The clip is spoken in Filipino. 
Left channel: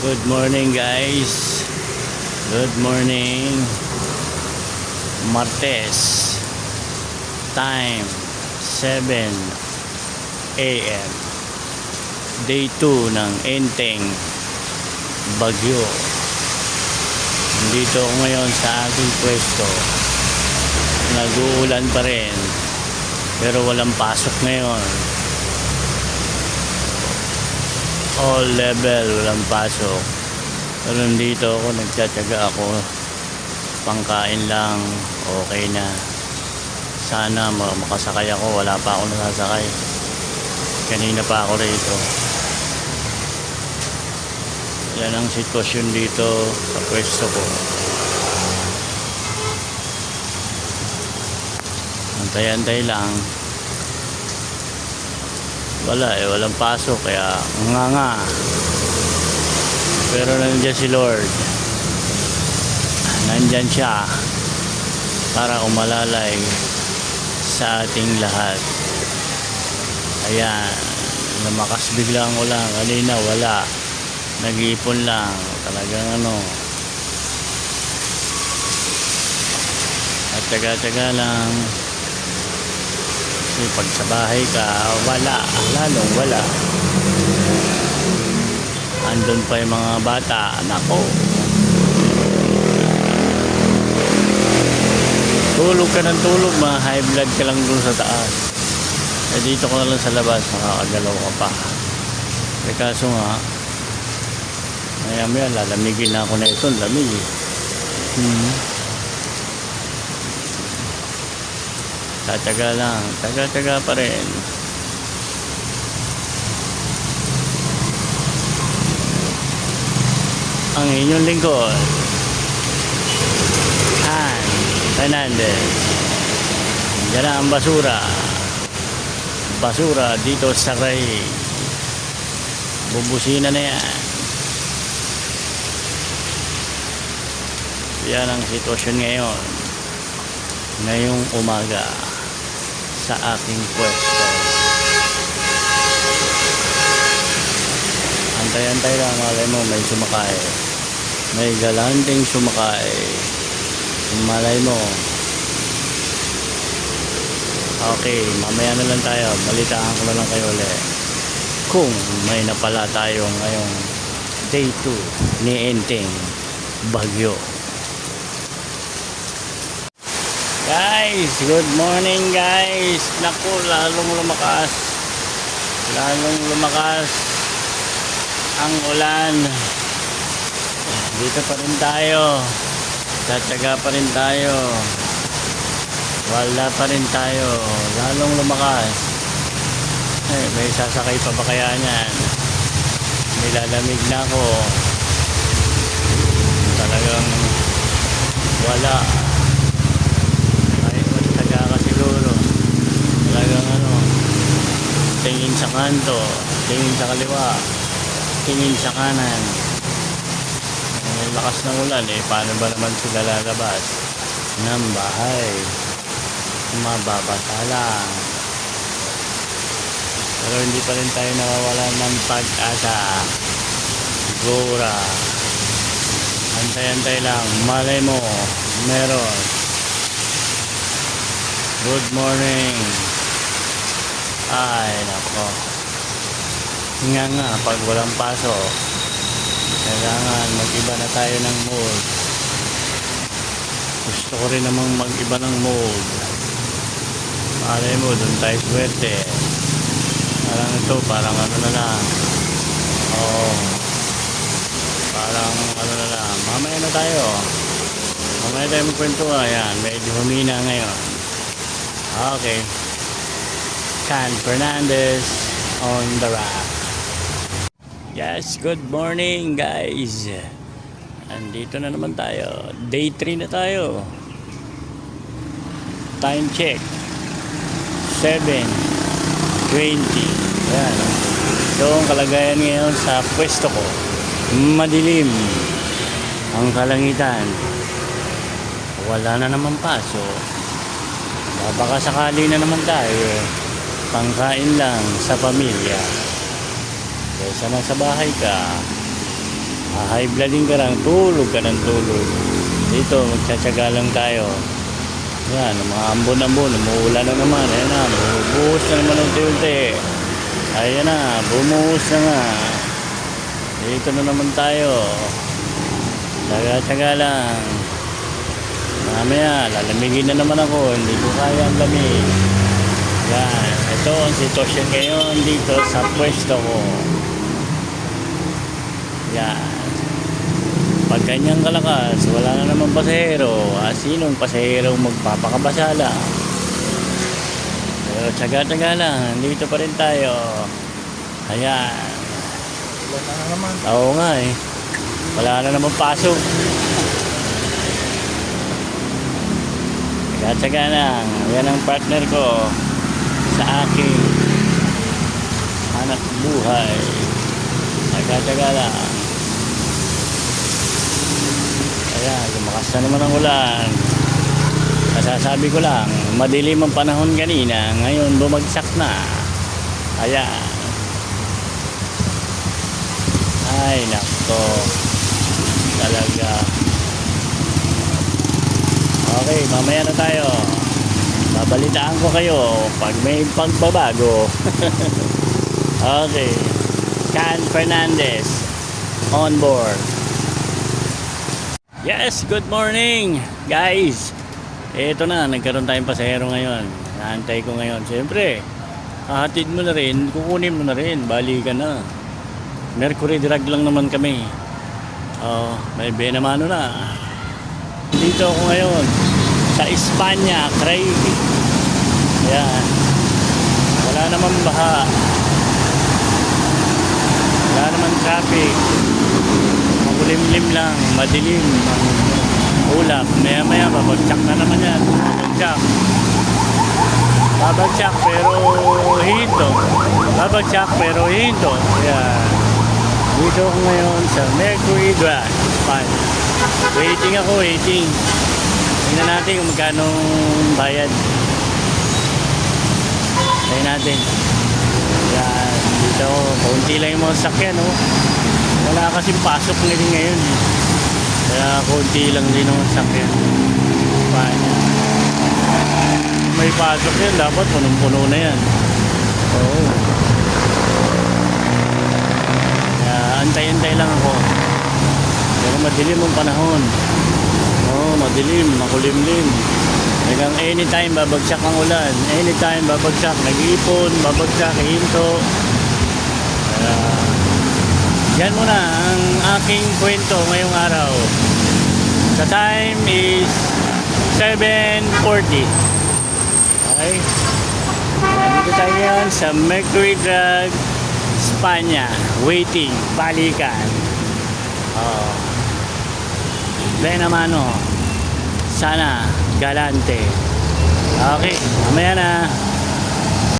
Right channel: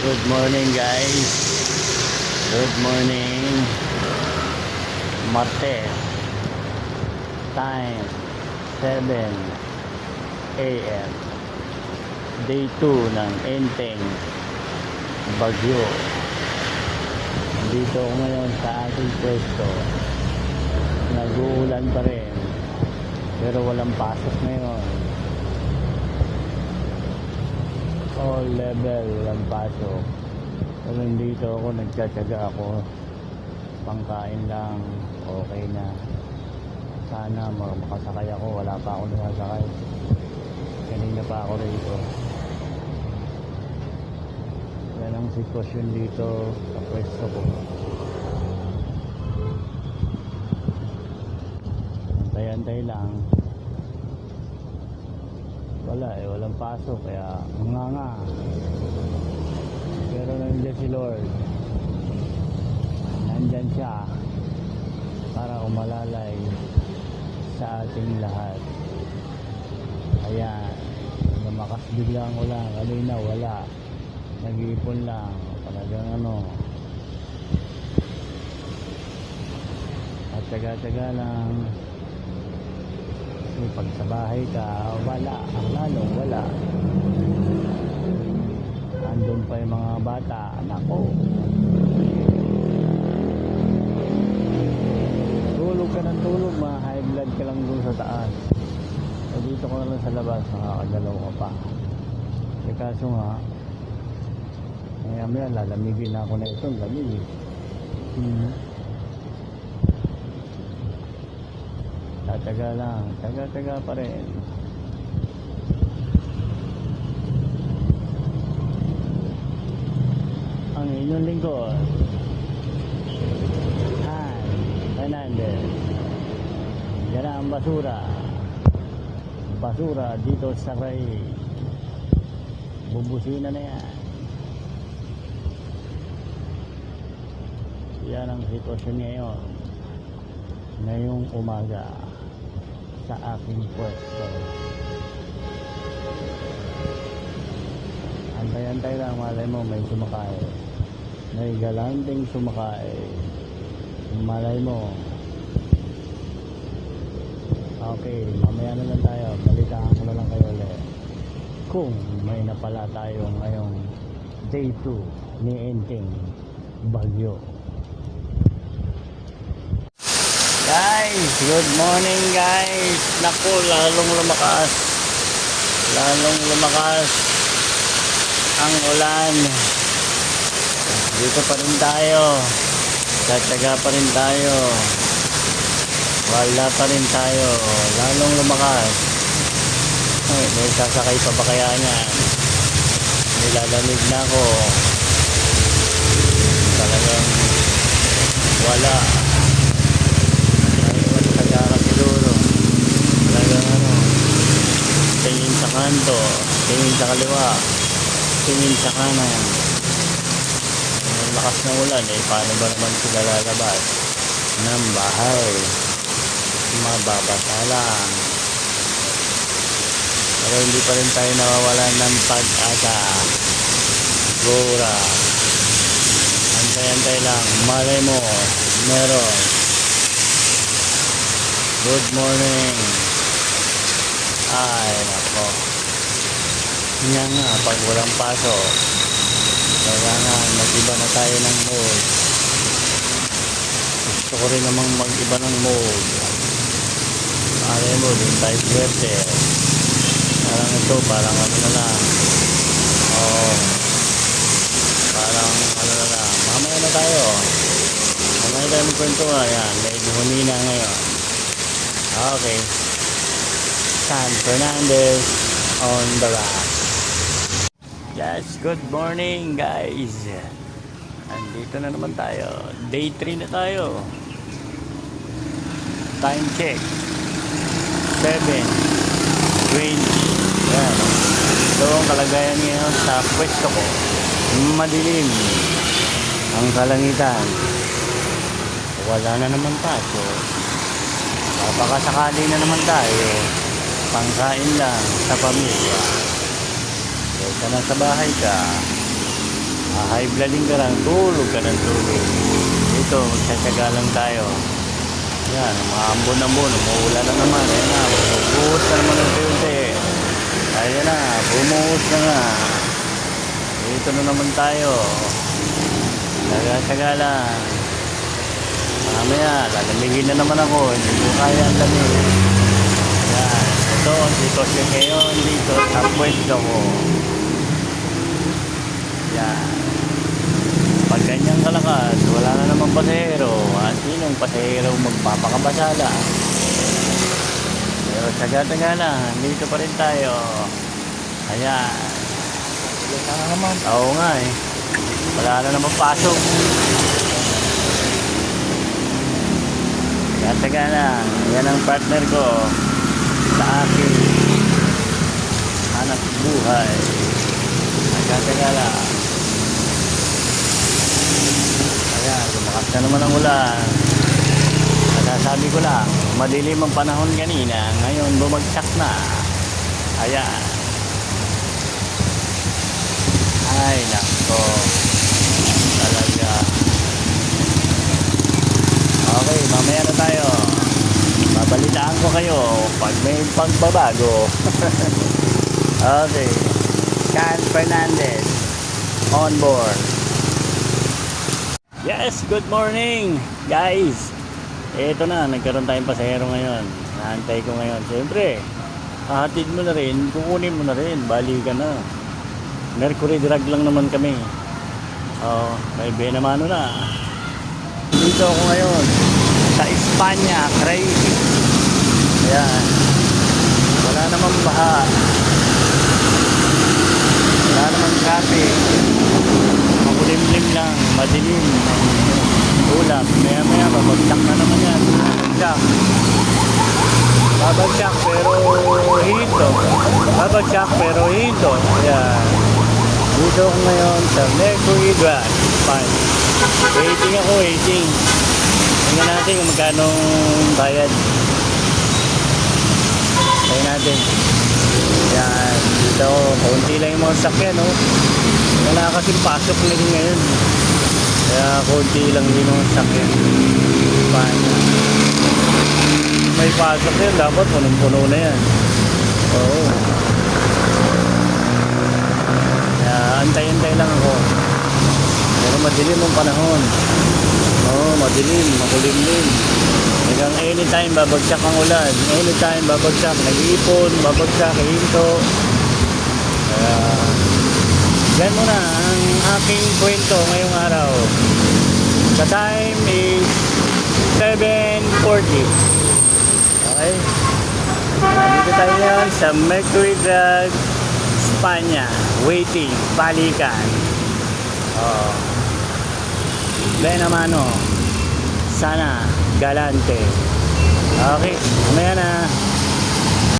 Good morning guys. Good morning. Martes. Time 7 AM. Day 2 ng Enteng Bagyo. Dito ako ngayon sa ating pwesto. Nag-uulan pa rin. Pero walang pasok ngayon. All level, walang pasok. Pero nandito ako, nagtsatsaga ako. Pangkain lang, okay na. Sana makasakay ako, wala pa ako nasasakay. Kanina pa ako rito. Yan ang sitwasyon dito sa pwesto ko. Antay-antay lang. Walang pasok kaya nga. Pero nandiyan si Lord. Nandiyan siya para umalalay sa ating lahat. Ayan, lumakas bigla ang ulan. Kanina wala, nag-iipon lang. Talagang at taga-taga lang. Pag sa bahay ka, lalong wala. Andun pa yung mga bata, nako. Tulog ka ng tulog, high blood ka lang dun sa taas. Dito ko na lang sa labas, makakagalaw ka pa. Kaso nga, maya lalamigin na ako na ito, lamig. Tataga lang, taga pa rin. Ang inyong lingkod, Han Fernandez. Yan na ang basura dito sa Ray. Bubusina na yan. Yan ang sitwasyon ngayon, ngayong umaga sa aking pwesto. Antay-antay lang, malay mo may sumakay, may galanting sumakay, malay mo. Okay, mamaya na lang tayo, balitaan ko na lang kayo ulit kung may napala tayo ngayong day 2 ni Enteng Bagyo. Guys, good morning guys. Naku, lalong lumakas ang ulan. Dito pa rin tayo, tataga pa rin tayo, wala pa rin tayo, lalong lumakas. May sasakay pa ba kaya niyan? Nilalamig na ako. Talagang wala. Tingin sa kanto, tingin sa kaliwa, tingin sa kanan. Lakas ng ulan paano ba naman sila lalabas ng bahay? Mababasa lang. Pero hindi pa rin tayo nawawalan ng pag-asa. Gora, antay-antay lang, malay mo meron. Good morning. Ay nako, nga pag walang pasok, kailangan mag-iba na tayo ng mood. Gusto ko rin namang mag-iba ng mood. Malay mo, dun tayo swerte. Parang ito, parang na lang. Parang na lang. Mamaya na tayo magkwento. Ayan, medyo humina ngayon. Okay, Han Fernandez on the rock. Yes, good morning guys. Andito na naman tayo. Day 3 na tayo. Time check 7:20. So ang kalagayan ngayon sa pwesto ko, madilim ang kalangitan. Wala na naman pasok. Baka sakali na naman tayo pangkain lang sa pamilya. So sa nasa bahay ka, high blooding ka lang, tulog ka ng tulog. Dito, magtsatsaga lang tayo. Yan, mga ambon-ambon, umuulan na naman. Ayan na, bumuhos na naman ng tilde. Ayan na, bumuhos na nga. Dito na naman tayo. Tsaga-tsaga lang. Mamaya, lalamigin na naman ako. Hindi ko kaya ang lamig. Yan, ito ang sitwasyon ngayon dito sa pwesto ko. Yan. Pag ganyan kalakas, wala na naman pasahero. Sinong pasahero magpapakabasala? So, tsaga-tsaga lang. Dito pa rin tayo. Ayan. Wala na naman. Oo nga eh. Wala na naman pasok. Tsaga-tsaga lang. Yan ang partner ko sa aking hanap buhay. Tsaga-tsaga lang. Ayan, lumakas na naman ang ulan. Masasabi ko lang, madilim ang panahon kanina, ngayon bumagsak na. Ayan. Ay, nako. Talaga. Okay, mamaya na tayo. Babalitaan ko kayo pag may pagbabago. Okay. Can Fernandez on board. Yes, good morning guys. Ito na, nagkaroon tayong pasahero ngayon. Naantay ko ngayon. Siyempre, hahatid mo na rin, kukunin mo na rin, bali ka na. Mercury drag lang naman kami. May benamano na. Dito ako ngayon sa Espanya, crazy. Ayan. Wala naman baha. Wala naman traffic. Makulimlim lang, madilim. Ulap, maya babagsak na naman yan. Babagsak pero hinto. Babagsak pero hinto. Ayan. Dito ako ngayon sa Mercury Drag. Fine. Waiting ako, waiting. Tingnan natin kung magkano bayad. Tingnan natin. Yan. Dito, kaunti lang yung mga sakyan, no? Wala kasing pasok na rin ngayon. Kaya kaunti lang din yung sakyan. Fine. May pasok yun, dapat punong-puno na yan. Oo. Antay-antay lang ako. Pero madilim ang panahon. Madilim, makulimlim. Hanggang anytime babagsak ang ulan. Anytime babagsak, nag-iipon, babagsak, hinto. Yan muna ang aking kwento ngayong araw. The time is 7:40. Okay? Dito tayo ngayon sa Mercury Drag, Espanya. Waiting, balikan. Benamano. Sana galante. Okay, mamaya na.